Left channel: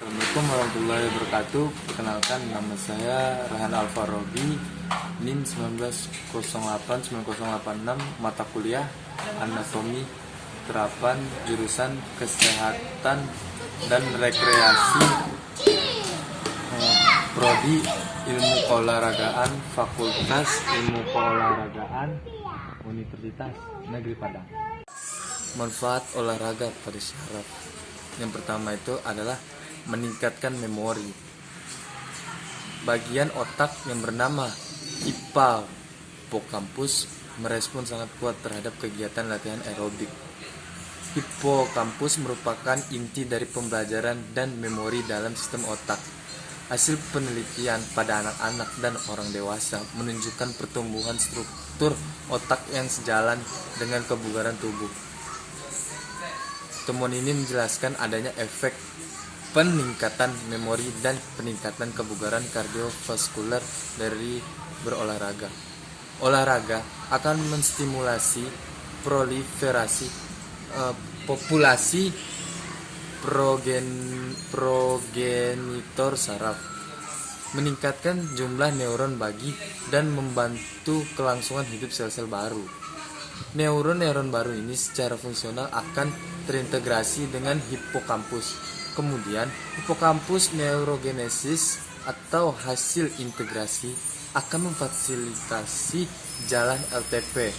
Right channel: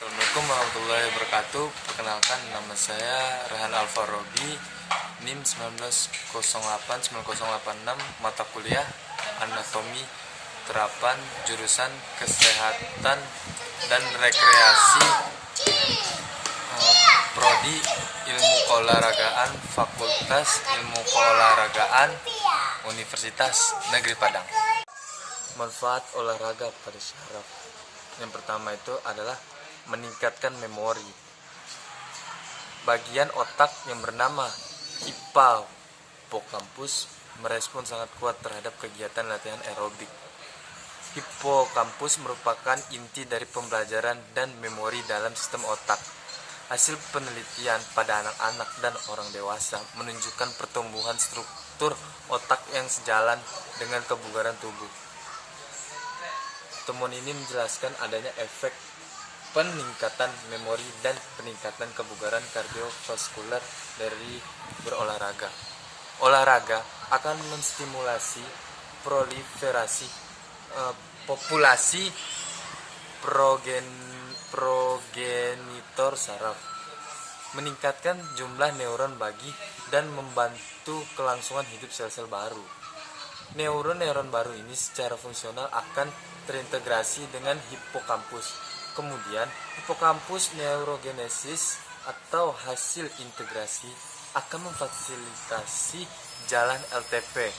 Assalamualaikum warahmatullahi wabarakatuh. Perkenalkan, nama saya Rehan Alfarobi, NIM 19089086, mata kuliah Anatomi Terapan, jurusan Kesehatan dan Rekreasi, Prodi Ilmu Keolahragaan, Fakultas Ilmu Keolahragaan, Universitas Negeri Padang. Manfaat olahraga pada syaraf. Yang pertama itu adalah meningkatkan memori. Bagian otak yang bernama hipokampus merespon sangat kuat terhadap kegiatan latihan aerobik. Hipokampus merupakan inti dari pembelajaran dan memori dalam sistem otak. Hasil penelitian pada anak-anak dan orang dewasa menunjukkan pertumbuhan struktur otak yang sejalan dengan kebugaran tubuh. Temuan ini menjelaskan adanya efek peningkatan memori dan peningkatan kebugaran kardiovaskular dari berolahraga. Olahraga akan menstimulasi proliferasi populasi progenitor saraf, meningkatkan jumlah neuron bagi dan membantu kelangsungan hidup sel-sel baru. Neuron-neuron baru ini secara fungsional akan terintegrasi dengan hipokampus. Kemudian, hipokampus neurogenesis atau hasil integrasi akan memfasilitasi jalan LTP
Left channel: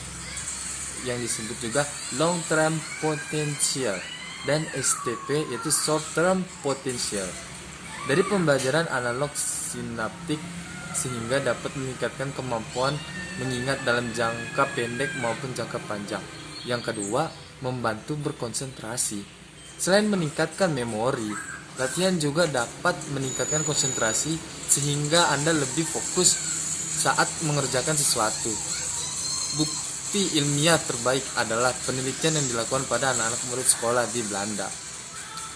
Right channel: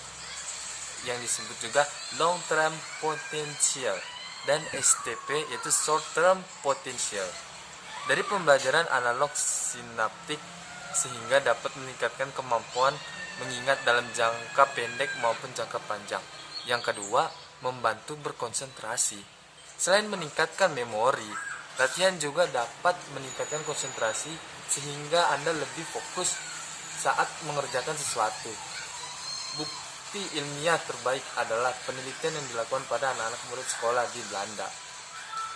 yang disebut juga long term potential dan STP yaitu short term potential dari pembelajaran analog sinaptik sehingga dapat meningkatkan kemampuan mengingat dalam jangka pendek maupun jangka panjang. Yang kedua, membantu berkonsentrasi. Selain meningkatkan memori, latihan juga dapat meningkatkan konsentrasi sehingga Anda lebih fokus saat mengerjakan sesuatu. Bukti ilmiah terbaik adalah penelitian yang dilakukan pada anak-anak murid sekolah di Belanda.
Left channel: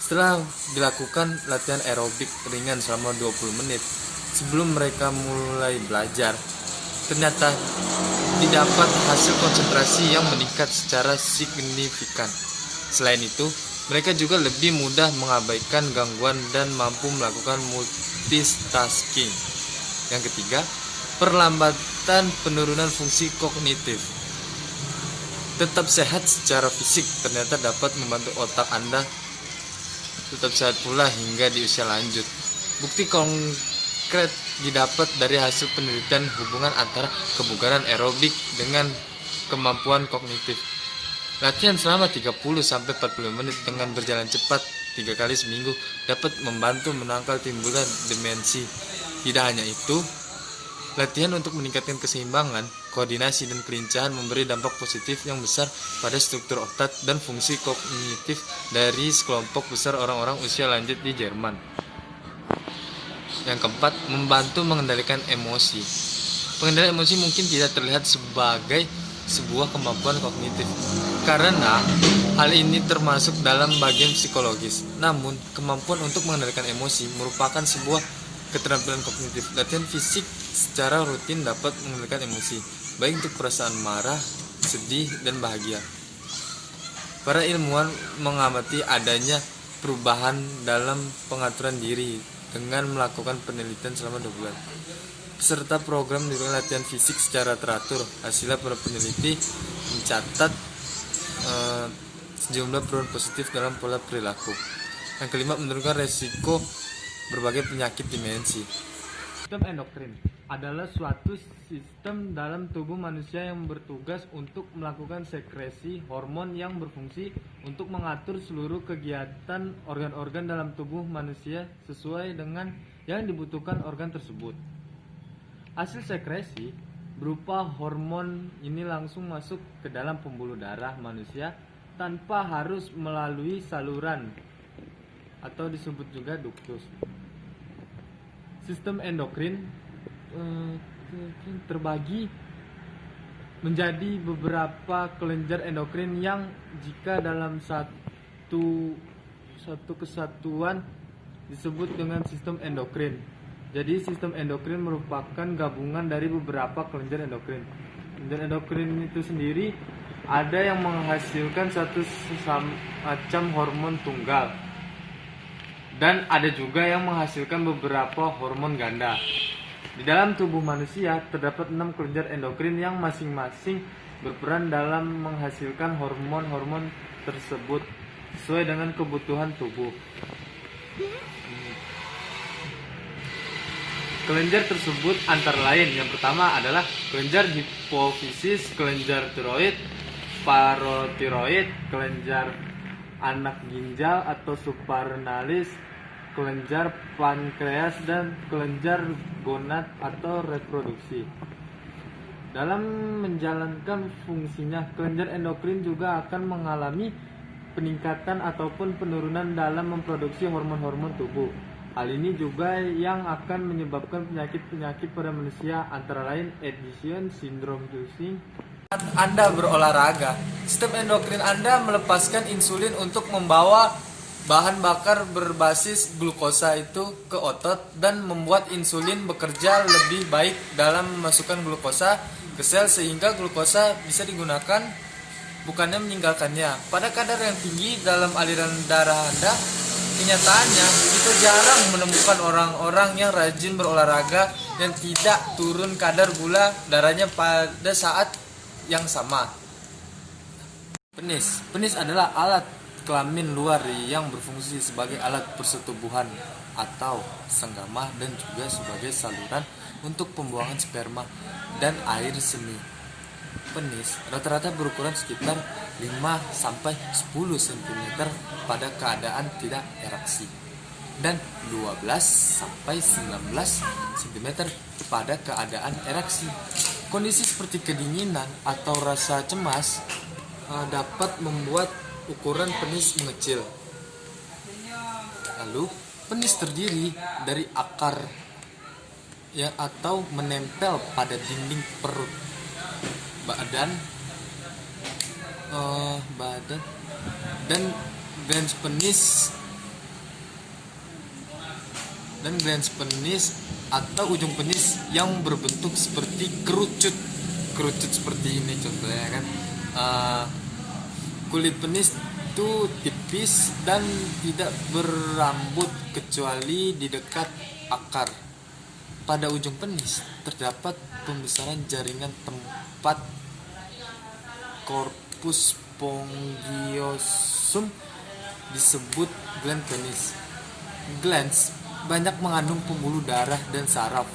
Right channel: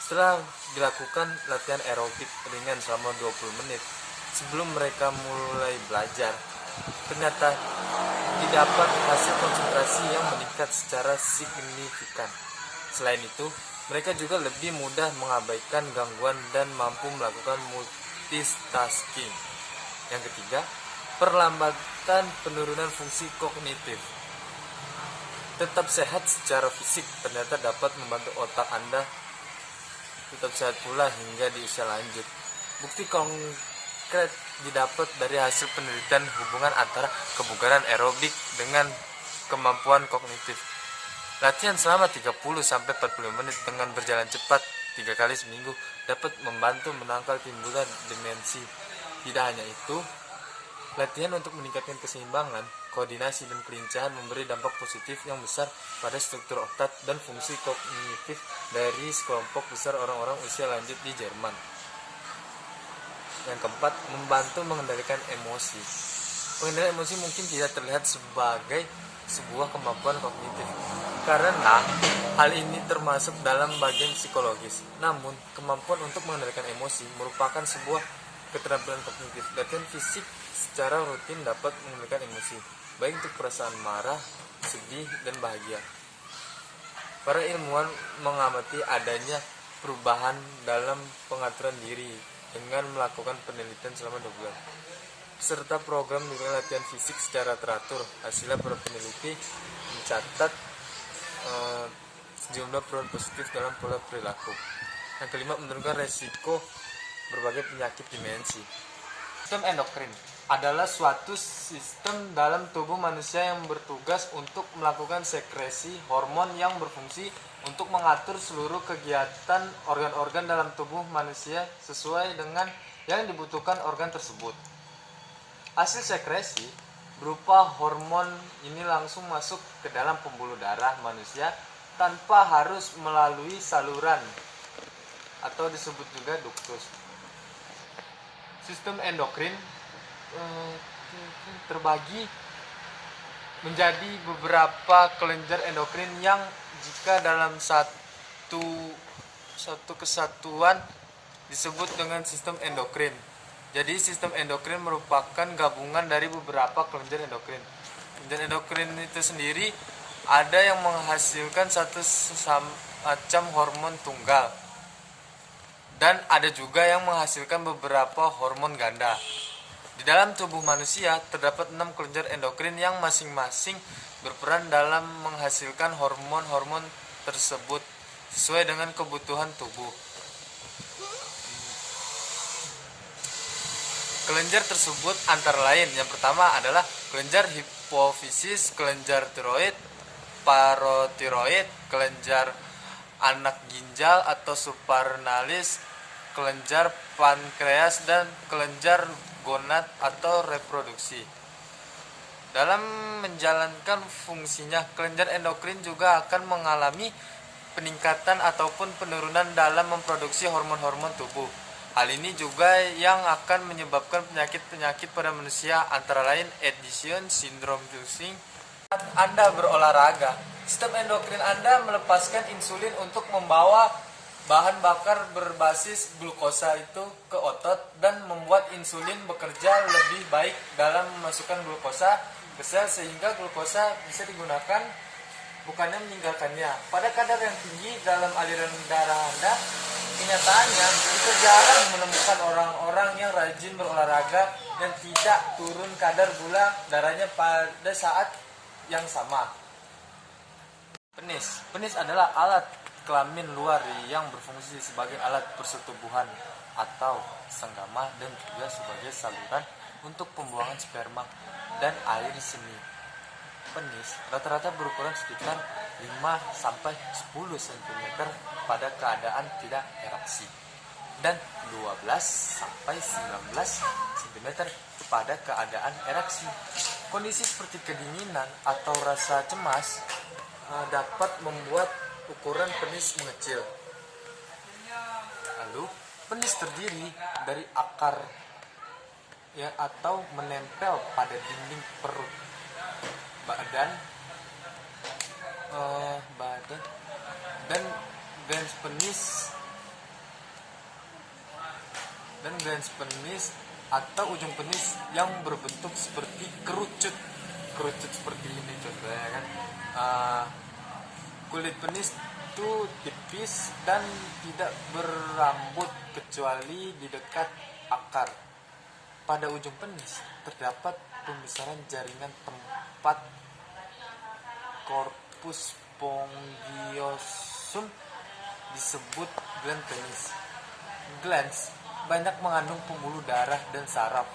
Setelah dilakukan latihan aerobik ringan selama 20 menit sebelum mereka mulai belajar, ternyata didapat hasil konsentrasi yang meningkat secara signifikan. Selain itu, mereka juga lebih mudah mengabaikan gangguan dan mampu melakukan multitasking. Yang ketiga, perlambatan penurunan fungsi kognitif. Tetap sehat secara fisik ternyata dapat membantu otak Anda tetap sehat pula hingga di usia lanjut. Bukti konkret didapat dari hasil penelitian hubungan antara kebugaran aerobik dengan kemampuan kognitif. Latihan selama 30-40 menit dengan berjalan cepat 3 kali seminggu dapat membantu menangkal timbulan demensi. Tidak hanya itu, latihan untuk meningkatkan keseimbangan, koordinasi, dan kelincahan memberi dampak positif yang besar pada struktur otak dan fungsi kognitif dari sekelompok besar orang-orang usia lanjut di Jerman. Yang keempat, membantu mengendalikan emosi. Pengendalian emosi mungkin tidak terlihat sebagai sebuah kemampuan kognitif karena hal ini termasuk dalam bagian psikologis. Namun, kemampuan untuk mengendalikan emosi merupakan sebuah keterampilan kognitif. Latihan fisik secara rutin dapat mengendalikan emosi, baik untuk perasaan marah, sedih, dan bahagia. Para ilmuwan mengamati adanya perubahan dalam pengaturan diri dengan melakukan penelitian selama 2 bulan. Peserta program diberikan latihan fisik secara teratur. Hasilnya para peneliti mencatat sejumlah perubahan positif dalam pola perilaku. Yang kelima, menurunkan resiko berbagai penyakit demensi. Sistem endokrin adalah suatu sistem dalam tubuh manusia yang bertugas untuk melakukan sekresi hormon yang berfungsi untuk mengatur seluruh kegiatan organ-organ dalam tubuh manusia sesuai dengan yang dibutuhkan organ tersebut. Hasil sekresi berupa hormon ini langsung masuk ke dalam pembuluh darah manusia tanpa harus melalui saluran atau disebut juga duktus. Sistem endokrin terbagi menjadi beberapa kelenjar endokrin yang jika dalam satu kesatuan disebut dengan sistem endokrin. Jadi sistem endokrin merupakan gabungan dari beberapa kelenjar endokrin. Kelenjar endokrin itu sendiri ada yang menghasilkan satu macam hormon tunggal Dan ada juga yang menghasilkan beberapa hormon ganda. Di dalam tubuh manusia terdapat 6 kelenjar endokrin yang masing-masing berperan dalam menghasilkan hormon-hormon tersebut sesuai dengan kebutuhan tubuh. Kelenjar tersebut antara lain, yang pertama adalah kelenjar hipofisis, kelenjar tiroid, parotiroid, kelenjar anak ginjal atau supranalis, kelenjar pankreas, dan kelenjar gonad atau reproduksi. Dalam menjalankan fungsinya, kelenjar endokrin juga akan mengalami peningkatan ataupun penurunan dalam memproduksi hormon-hormon tubuh. Hal ini juga yang akan menyebabkan penyakit-penyakit pada manusia, antara lain Addison syndrome. Saat Anda berolahraga, sistem endokrin Anda melepaskan insulin untuk membawa bahan bakar berbasis glukosa itu ke otot dan membuat insulin bekerja lebih baik dalam memasukkan glukosa ke sel sehingga glukosa bisa digunakan bukannya meninggalkannya. Pada kadar yang tinggi dalam aliran darah Anda, kenyataannya kita jarang menemukan orang-orang yang rajin berolahraga yang tidak turun kadar gula darahnya pada saat yang sama. Penis adalah alat kelamin luar yang berfungsi sebagai alat persetubuhan atau senggama dan juga sebagai saluran untuk pembuangan sperma dan air seni. Penis rata-rata berukuran sekitar 5-10 cm pada keadaan tidak ereksi dan 12-19 cm pada keadaan ereksi. Kondisi seperti kedinginan atau rasa cemas dapat membuat ukuran penis mengecil. Lalu, penis terdiri dari akar atau menempel pada dinding perut, badan dan glans penis atau ujung penis yang berbentuk seperti kerucut seperti ini contohnya kan. Kulit penis itu tipis dan tidak berambut kecuali di dekat akar. Pada ujung penis terdapat pembesaran jaringan tempat corpus spongiosum disebut gland penis. Glans banyak mengandung pembuluh darah dan saraf.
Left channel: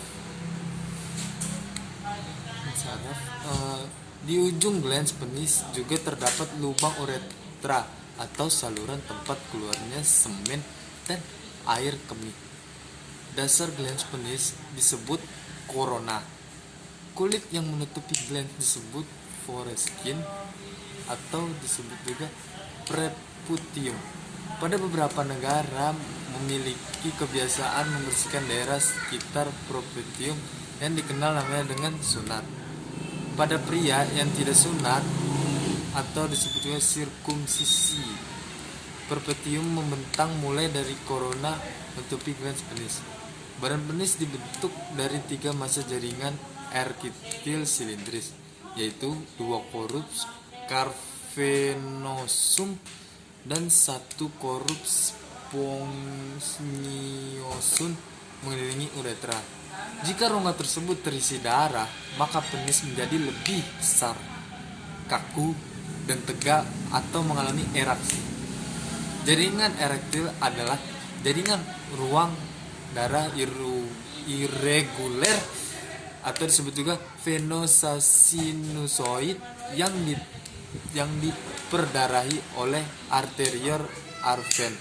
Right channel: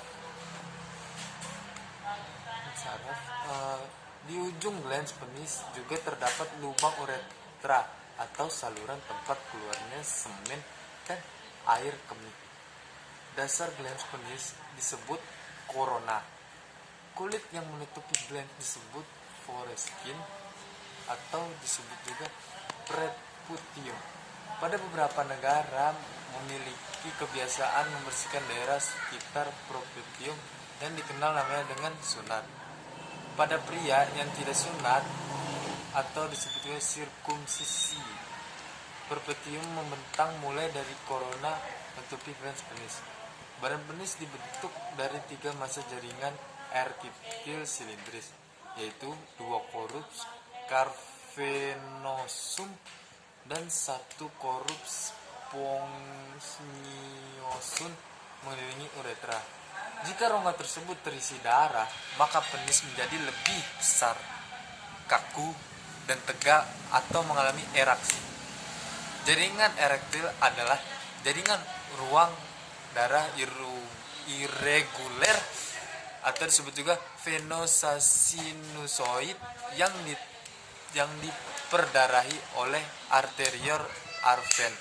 Di ujung glans penis juga terdapat lubang uretra atau saluran tempat keluarnya semen dan air kemih. Dasar glans penis disebut korona. Kulit yang menutupi glans disebut foreskin atau disebut juga preputium. Pada beberapa negara memiliki kebiasaan membersihkan daerah sekitar preputium yang dikenal namanya dengan sunat. Pada pria yang tidak sunat atau disebut juga sirkumsisi, preputium membentang mulai dari korona menutupi glans penis. Badan penis dibentuk dari 3 massa jaringan erkitil silindris, yaitu 2 korups cavernosum dan 1 korups spongiosum mengelilingi uretra. Jika rongga tersebut terisi darah, maka penis menjadi lebih besar, kaku, dan tegak atau mengalami eraksi. Jaringan erektil adalah jaringan ruang darah irreguler atau disebut juga venosasinusoid yang diperdarahi oleh arterior arven.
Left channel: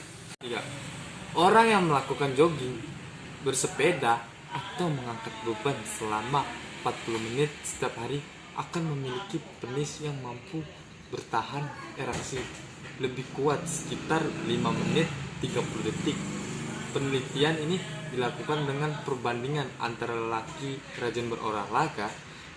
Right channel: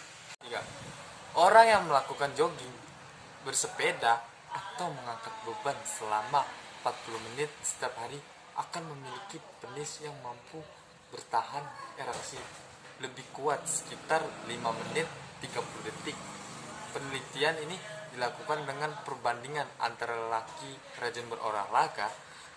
Orang yang melakukan jogging, bersepeda, atau mengangkat beban selama 40 menit setiap hari akan memiliki penis yang mampu bertahan ereksi lebih kuat sekitar 5 menit 30 detik. Penelitian ini dilakukan dengan perbandingan antara lelaki rajin berolahraga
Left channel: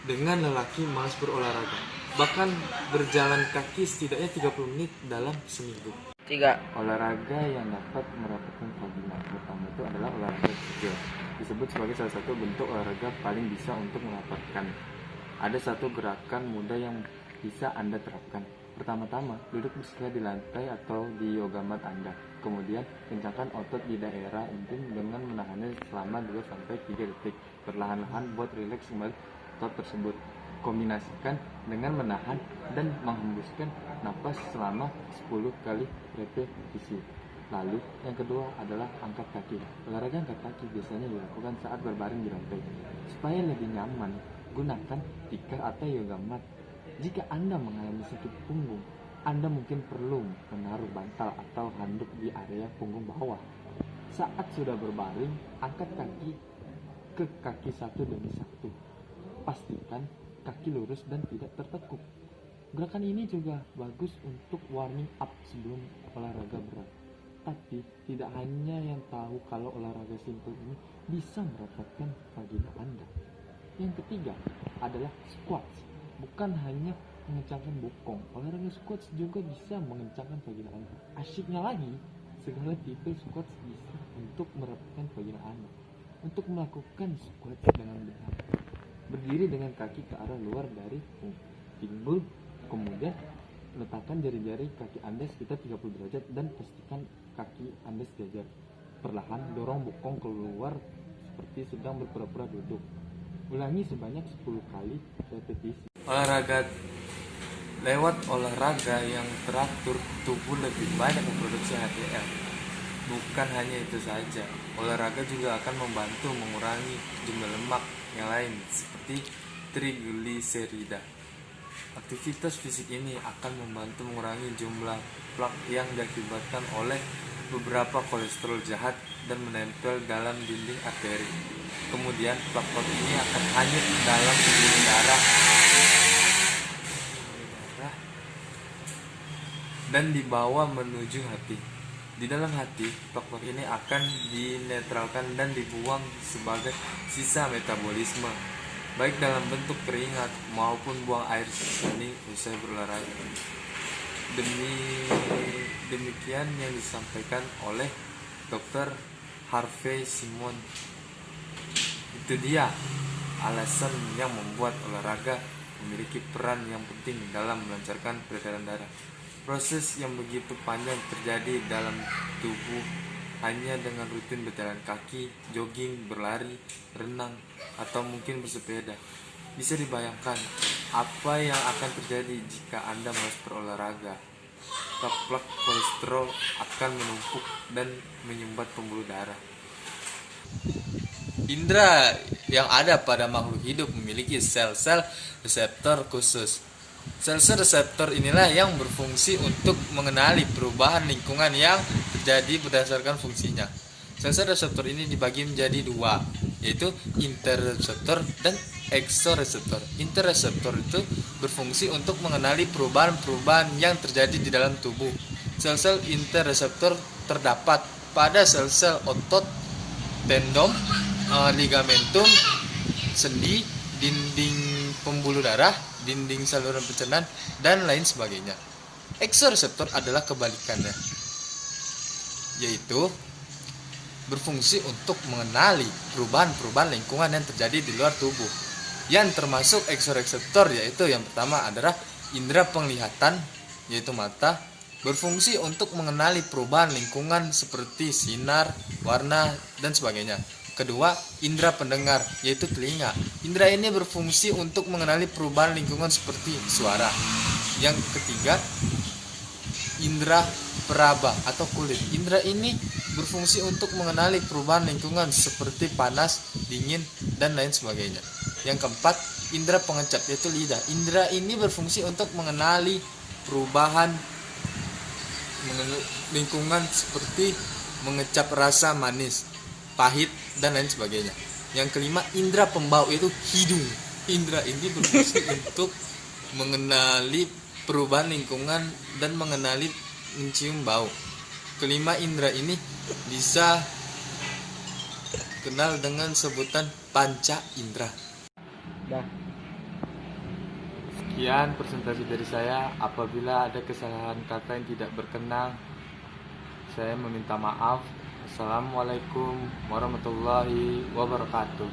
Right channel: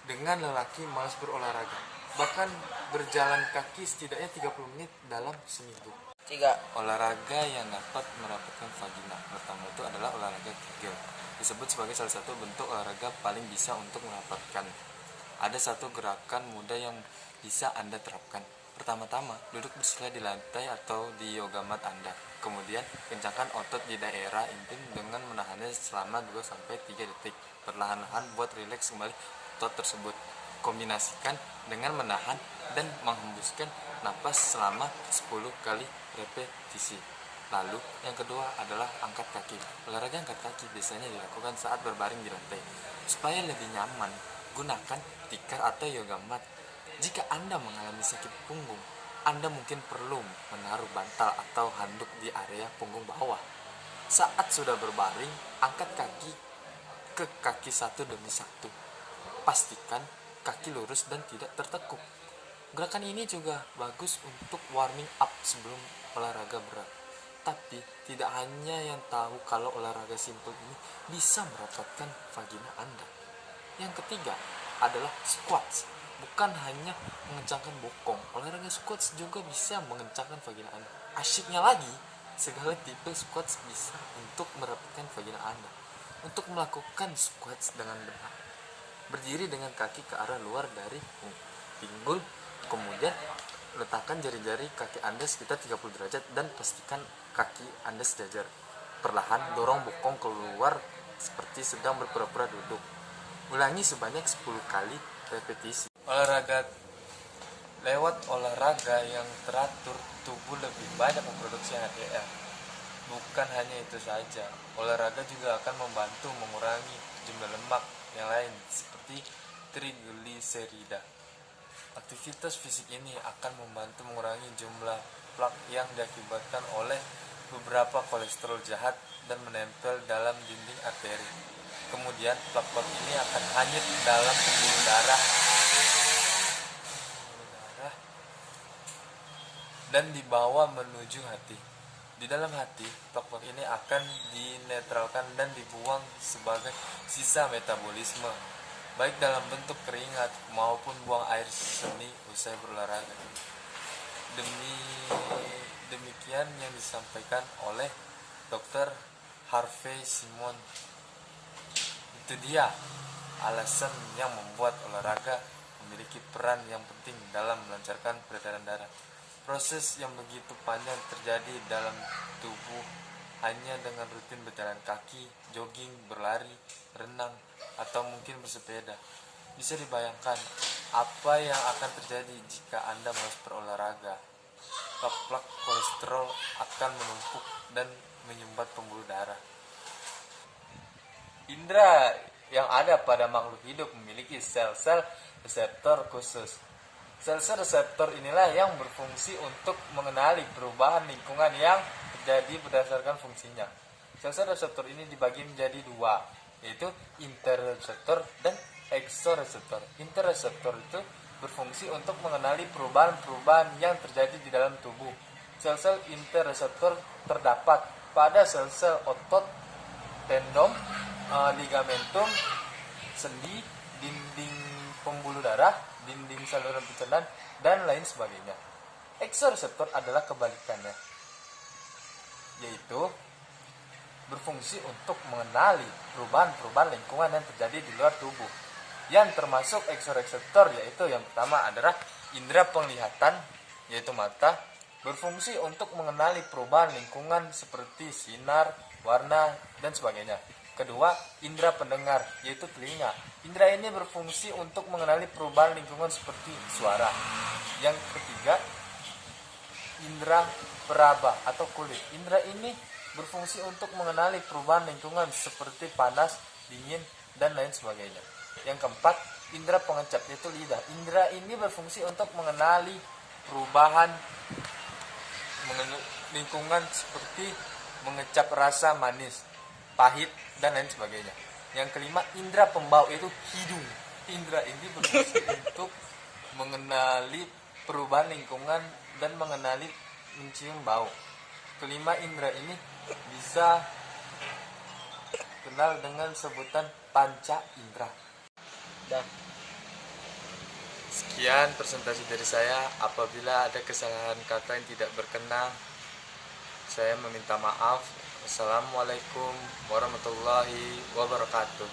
dengan lelaki malas berolahraga. Bahkan berjalan kaki setidaknya 30 menit dalam seminggu. 3. Olahraga yang dapat mendapatkan vagina. Pertama itu adalah olahraga kegel. Disebut sebagai salah satu bentuk olahraga paling bisa untuk mendapatkan. Ada satu gerakan mudah yang bisa Anda terapkan. Pertama-tama, duduk bersila di lantai atau di yoga mat Anda. Kemudian, kencangkan otot di daerah intim dengan menahannya selama 2-3 detik. Perlahan-lahan buat rileks kembali otot tersebut. Kombinasikan dengan menahan dan menghembuskan napas selama 10 kali repetisi. Lalu, yang kedua adalah angkat kaki. Olahraga angkat kaki biasanya dilakukan saat berbaring di lantai. Supaya lebih nyaman, gunakan tikar atau yoga mat. Jika Anda mengalami sakit punggung, Anda mungkin perlu menaruh bantal atau handuk di area punggung bawah. Saat sudah berbaring, angkat kaki ke kaki satu demi satu. Pastikan kaki lurus dan tidak tertekuk. Gerakan ini juga bagus untuk warming up sebelum olahraga berat. Tapi tidak hanya yang tahu kalau olahraga simpel ini bisa merapatkan vagina Anda. Yang ketiga adalah squats. Bukan hanya mengencangkan bokong, olahraga squats juga bisa mengencangkan vagina Anda. Asyiknya lagi, segala tipe squats bisa untuk merapatkan vagina Anda. Untuk melakukan squats dengan benar, berdiri dengan kaki ke arah luar dari pinggul, kemudian letakkan jari-jari kaki Anda sekitar 30 derajat dan pastikan kaki Anda sejajar. Perlahan dorong bokong keluar seperti sedang berpura-pura duduk. Ulangi sebanyak 10 kali repetisi. Lewat olahraga yang teratur, tubuh lebih banyak memproduksi HDL. Bukan hanya itu saja, olahraga juga akan membantu mengurangi jumlah lemak yang lain seperti trigliserida. Aktivitas fisik ini akan membantu mengurangi jumlah plak yang diakibatkan oleh beberapa kolesterol jahat dan menempel dalam dinding arteri. Kemudian plak-plak ini akan hanyut dalam pembuluh darah dan dibawa menuju hati. Di dalam hati, plak-plak ini akan dinetralkan dan dibuang sebagai sisa metabolisme, baik dalam bentuk keringat maupun buang air seni usai berolahraga. Demikian yang disampaikan oleh Dr. Harvey Simon. Itu dia alasan yang membuat olahraga memiliki peran yang penting dalam melancarkan peredaran darah. Proses yang begitu panjang terjadi dalam tubuh hanya dengan rutin berjalan kaki, jogging, berlari, renang, atau mungkin bersepeda. Bisa dibayangkan apa yang akan terjadi jika Anda malas berolahraga. Plak-plak kolesterol akan menumpuk dan menyumbat pembuluh darah. Indra yang ada pada makhluk hidup memiliki sel-sel reseptor khusus. Sel-sel reseptor inilah yang berfungsi untuk mengenali perubahan lingkungan yang terjadi berdasarkan fungsinya. Sel-sel reseptor ini dibagi menjadi dua, yaitu interoreseptor dan eksoreseptor. Interoreseptor itu berfungsi untuk mengenali perubahan-perubahan yang terjadi di dalam tubuh. Sel-sel interoreseptor terdapat pada sel-sel otot, tendon, ligamentum, sendi, dinding pembuluh darah, dinding saluran pencernaan, dan lain sebagainya. Eksoreseptor adalah kebalikannya, yaitu berfungsi untuk mengenali perubahan-perubahan lingkungan yang terjadi di luar tubuh. Yang termasuk eksoreseptor yaitu yang pertama adalah indera penglihatan, yaitu mata, berfungsi untuk mengenali perubahan lingkungan seperti sinar, warna, dan sebagainya. Kedua, indera pendengar, yaitu telinga. Indera ini berfungsi untuk mengenali perubahan lingkungan seperti suara. Yang ketiga, indera peraba atau kulit. Indera ini berfungsi untuk mengenali perubahan lingkungan seperti panas, dingin, dan lain sebagainya. Yang keempat, indera pengecap, yaitu lidah. Indera ini berfungsi untuk mengenali perubahan lingkungan seperti mengecap rasa manis, pahit, dan lain sebagainya. Yang kelima, indera pembau, yaitu hidung. Indera ini berfungsi untuk mengenali perubahan lingkungan dan mengenali mencium bau. Kelima indera ini bisa kenal dengan sebutan panca indera. Sekian presentasi dari saya. Apabila ada kesalahan kata yang tidak berkenan, saya meminta maaf. Assalamualaikum warahmatullahi wabarakatuh.